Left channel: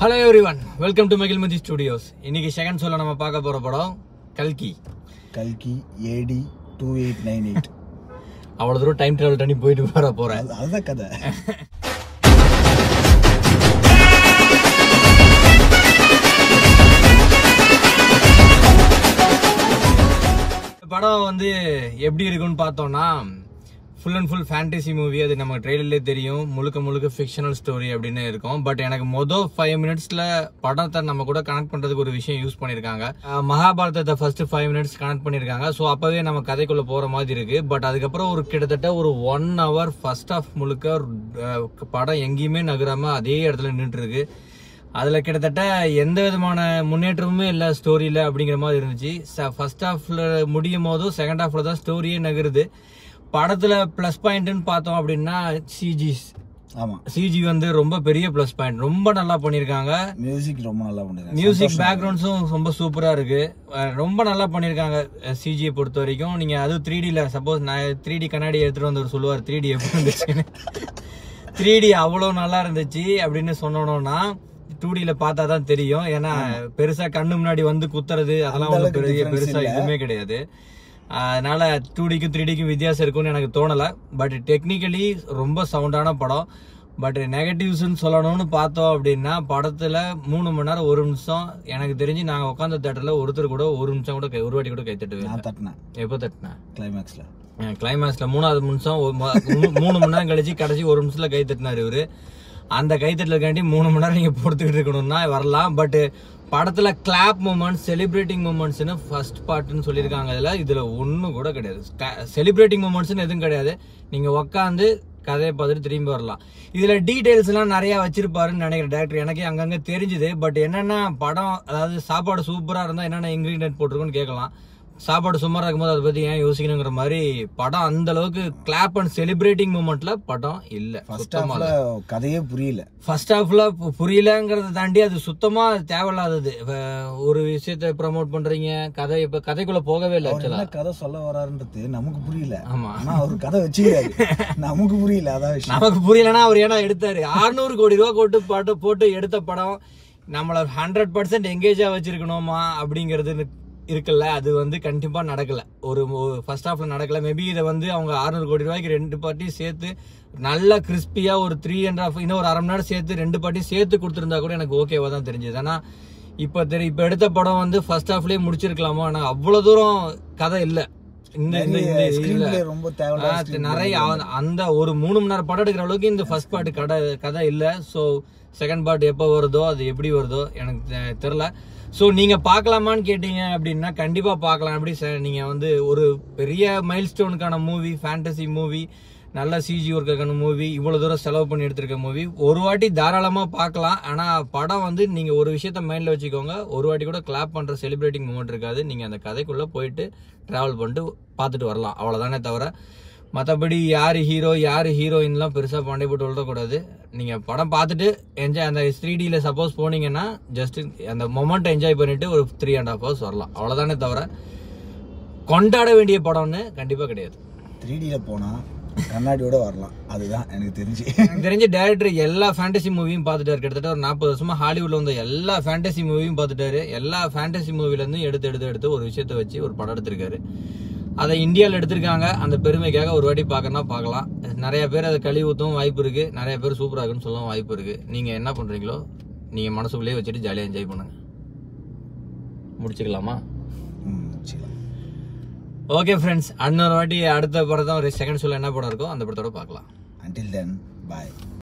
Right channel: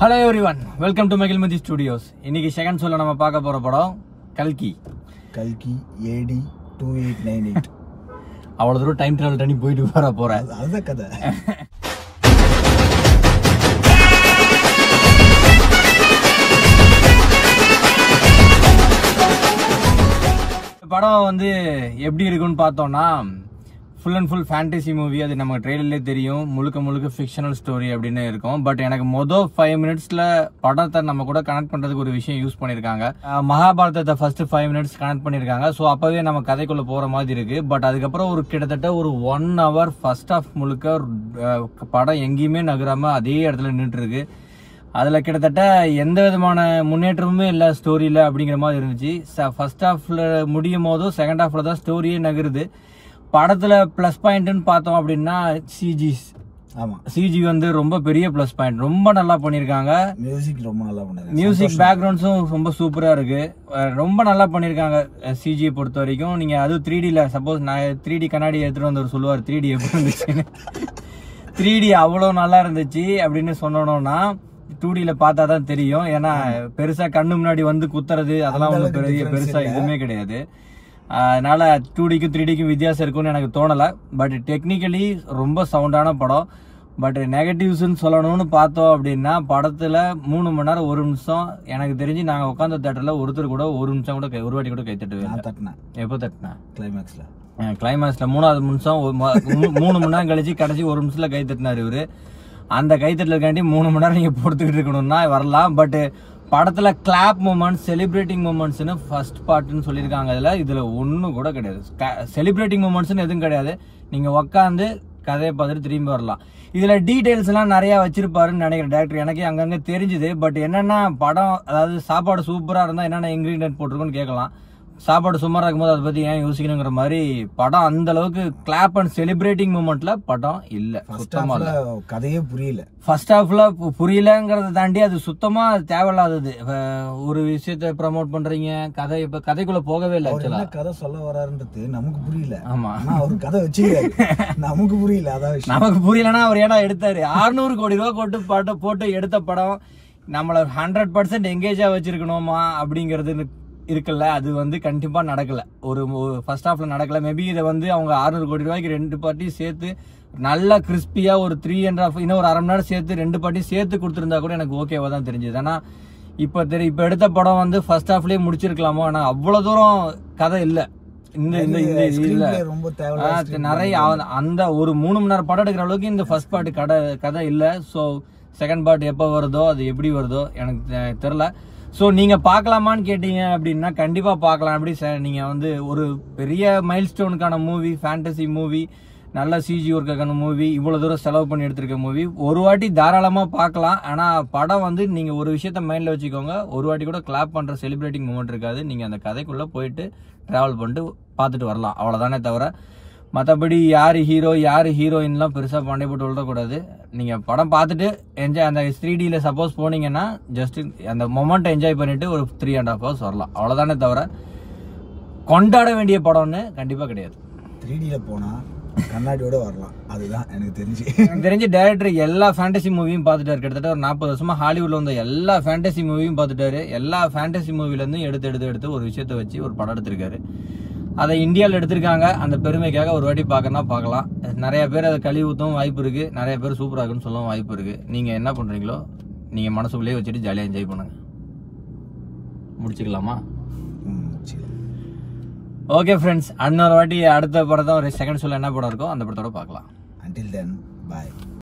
Hello everyone, welcome to Magilmati Studios. இன்னைக்கு second ஷோல நம்ம பார்க்க போற படம் கல்கி AD 2898. அவ்வளவு தூரம் டைம் டிராவல் பண்ணி போயிட்டு போறேன். அதுதான் கதை. படம் வந்து எப்படி இருக்குன்னு பார்த்தோம்னா full and full fantasy movie. அது நம்ம ட்ரெய்லர்லேயே தெரியும், முழுக்க முழுக்க ஃபிக்ஷனல் ஸ்டோரி அப்படின்னு இருக்கும். பட் எனக்கு மொதல் 5 மினிட்ஸ்ல படத்தை நம்ம கூட கனெக்ட் பண்றதுக்கு ஒரு விஷயம் யூஸ் பண்ணிருக்காங்க. மகாபாரதத்தை ஃபர்ஸ்ட் 5 மினிட்ஸ் கனெக்ட் பண்ணிருக்காங்க. ஸோ அப்பவே நம்ம கதைக்குள்ள போற மாதிரி இருக்கு. பட் அதுக்கப்புறம் ஒரு கிட்டத்தட்ட ஒரு 1 hour ஃபர்ஸ்ட் ஹாஃப் முழுக்க படம் எங்கேயுமே நகராம அதே இடத்துல நின்றுட்டு இருக்கு. அதுல கிட்டத்தட்ட எந்த விதமான முன்னேற்றமுமே இல்ல ஸ்டோரியில அப்படிங்கிற மாதிரி இருந்துச்சு. ஃபர்ஸ்ட் ஹாஃப்ல முடியும் போதும் செகண்ட் ஹாஃப்ல தான் ஸ்டோரியே நகருது. படத்துல பிளஸ் பாயிண்ட்னு பார்த்தோம் அப்படின்னா சிஜி வந்து ரொம்ப பெரிய பிளஸ் பாயிண்ட். ரொம்ப நல்லா பண்ணிருக்காங்க. மியூசிக் ரொம்ப நல்லா பண்ணிருக்காங்க. மியூசிக் பேக்ரவுண்ட்ஸும் ரொம்ப சூப்பரா இருக்கு. ரொம்ப நல்லா பண்ணிருக்காங்க சிஜியை பொறுத்த வரைக்கும். நீங்க அது 3Dல சப்போஸ் நான் 3D கண்ணாடி எடுத்துட்டு வந்தவர் சொல்லுவார் 3D எப்படி இருந்துச்சுன்னு. 3D அவ்வளவு நல்லா இருந்துச்சு அப்படின்னு சொன்னோம்னா 2Dல பார்த்தா தான் தெரியும். ஏன்னா பெருசா கண்ணு முன்னாடி வந்து குத்துறது அதெல்லாம் ஒன்றும் பெருசா எதுவுமே கிடையாது. அதனால 2Dக்கும் 3Dக்கும் வித்தியாசம் இருக்கும்னு எனக்கு தோணல. பட் டெக்னிக்கலி ரொம்ப சவுண்டான படம். பட் நெகட்டிவ்ஸ்ன்னு சொல்லணும்னு பார்த்தோம் அப்படின்னா படத்துல 3 மணி நேரம் 1 நிமிஷம் எனக்கு தெரிஞ்சு நாங்க உட்காந்த தேட்டர்ல ஒருத்தர் கூட 1 நிமிஷம் கூட ஒரு வாட்டி கூட கை தட்டுவேன். எப்போ தட்டினேன்? கிளைமேக்ஸ்ல 3வது நிமிஷம் 3 மணி நேரம் கழிச்சு கடைசி 1 நிமிஷத்துல கை தட்டினாரு இவரு. அந்த கைத்தட்டலுக்காண்டி 3 மணி நேரம் நீங்க பொறுத்துக்கிட்டு இருக்கணும்னா வரலாம். பட் படத்துல கிளாப் மூமெண்ட்ஸ், செலிப்ரேட்டிங் மூமெண்ட்ஸ்னு ஃபர்ஸ்ட் பார்ட்னு சொல்லியிருக்காங்க. இதுல ஒன்னும் கூட கிடையாது. செலிப்ரேட்டிங் மூமெண்ட்ஸ்னு எதுவும் கிடையாது. நீங்க உட்காந்து கதையை பார்த்துட்டு திரும்பி வரலாம். இதுல டீடைல்ஸ் எல்லாம் நிறைய வச்சிருப்பாருன்னு நினைக்கிறேன் டேரக்டர். எனக்கே அங்கங்க தெரிஞ்சுது. பட் என்னன்னா படம் அதாவது சாப்பாடு சூப்பரா இருந்தா என்னென்ன இன்கிரீடியன்ட் போட்டிருக்கோன்னு கேட்கலாம். சாப்பாடு சுமாரா இருக்கும்போது அதை பத்தி ஏன் யோசிக்கணுங்கிற மாதிரி படம் அந்த அளவுக்கு கிளாப் அண்ட் செலிப்ரேட்டிங் மூமெண்ட்ல படம் இல்ல. சுத்தமா கதையே புரியல. ஃபர்ஸ்ட் ஹாஃப்ல புரியலங்கிறத தாண்டி அது சுத்தமா தேவையில்லாதது. ஒரு விஷயத்த ப்ரமோட் பண்றீங்க, கதை இப்ப கதைக்குள்ள போகவே இல்லை. ஆக்சுவலா கதை சொல்ல வராருன்றது நமக்கு புரியல. ஆமா, அவர் கதை வச்சுக்கிறாரு. நமக்கு புரியல. அதான் நமக்கு புரியலன்னா அவர் ஏன்னா எடுத்தாரு 600 கோடி ரூபா போட்டு எடுத்த படம் நம்மள 100% எங்கேஜா வச்சிருக்கணுமா அப்படிங்கறது இருக்குல்ல. அது வந்து கண்டிப்பா நடக்கல. ஒரு ஃபர்ஸ்ட் ஹாஃப்ல நடக்கல. மேபி இதை வந்து அவங்க 600 கோடி ரூபாய்க்கு 2 பார்ட்டியும் சேர்த்து நல்லா கிறிஸ்பியா ஒரு 3.5 இன்னும் ஒரு 1/2 மணி நேரம் சேர்த்து 2 பார்ட்டியும் சேர்த்து கொடுத்துருந்தா கூட எனக்கு ஓகேவா தான் தெரிஞ்சது. ஆனா இப்ப எடுத்த படம் வந்து ஃபர்ஸ்ட் ஹாஃப்லயே முடிச்சிருக்கலாமோ. ஆனா அவ்வளவு தூரம் கதை இல்ல. நிறைய அந்த ஒரு 3 மணி நேரம் படம் எடுக்கிற அளவுக்கு இந்த ஃபர்ஸ்ட் பார்ட் கதை இல்ல. சோ செகண்ட் பார்ட் எப்ப வருதோ அது எப்படி வருதோ எனக்கு தெரியல. ஸோ நீங்க பார்க்கலாமான்னு கேட்டீங்க அப்படின்னா கண்டிப்பா பார்க்கலாம். அப்படி நீங்க வந்து ஒரு பெரிய மைல் ஸ்டோனுக்கான மூவி, ஃபேண்டசி மூவி, நல்ல சிஜி ஒர்க்கான மூவி, இவ்வளவு தூரம் செலவு பண்ணி எடுத்திருக்க மூவி ஒரு வாட்டி தாராளமா பார்க்கலாம். ஆனா படம் வந்து நீங்க ஒரு விஷயத்த மைண்ட்ல வச்சுக்கோங்க, ஒரு வாட்டி கூட கிளாப் பண்ற செலிப்ரேட்டிங் மூமெண்ட் இருக்காது. நீங்க அந்த கதைக்குள்ள போயிட்டு டிராவல் பண்ணிட்டு பார்த்துட்டு வரலாம், அவ்வளவுதானே தவிர மற்றபடி யாரு ஹீரோ யாரு ஹீரோயின்லாம் பெருசா பாண்டே போட்டு விடக்கூடாது. நீங்க படம் பார்த்துட்டு என்ஜாய் அந்த 3Dல சப்போஸ் போனீங்கன்னா ஜஸ்ட் அந்த மொமெண்ட் என்ஜாய் பண்ணிட்டு ஒரு 3.5 hours வரலாம், அவ்வளவுதானே தவிர கொண்டாட வேண்டிய படம்னு கண்டிப்பா கிடையாது. 3Dல போனா கண்ணாடியோட வரலாம். அதுதான் எனக்கு தெரிஞ்சு டைரக்டர் எல்லா ஃபேண்டசி மூவியும் பார்த்துட்டாரு. கிட்டத்தட்ட ஒரு 40 வருஷமா ஹாலிவுட்ல வந்த எல்லா ஃபேண்டசி மூவியும் பார்த்துட்டாரு. எல்லா ஃபேண்டசி மூவில இருந்தும் எடுத்து ஒரு விஷயத்த வச்சு ஒரு படம் எடுத்திருக்காரு. அதை இந்தியாவில் எடுத்திருக்காங்க. அந்த பெருமைக்காக ஒரு வாட்டி பார்க்கணும்னா பார்க்கலாம். நிறைய பேர் அதை கழுவி ஊற்றவும் வாய்ப்பு இருக்கு, நிறைய பேர் சூப்பராக இருக்குன்னு சொல்லவும் வாய்ப்பு இருக்கு. நீங்க என்ன பண்றீங்களோ நீங்க மனசுக்குள்ளேயே வச்சுட்டு ஜாலியாக என்ஜாய் பண்ணுங்க. முடிச்சுக்கலாமா? ஓகே ஃப்ரெண்ட்ஸ், இன்னொரு வாட்டி அடுத்த படத்தை ஒரு செகண்ட் ஷோல என்ன படம் இருக்கோ அந்த படத்தோட பார்க்கலாம். Until then, bye.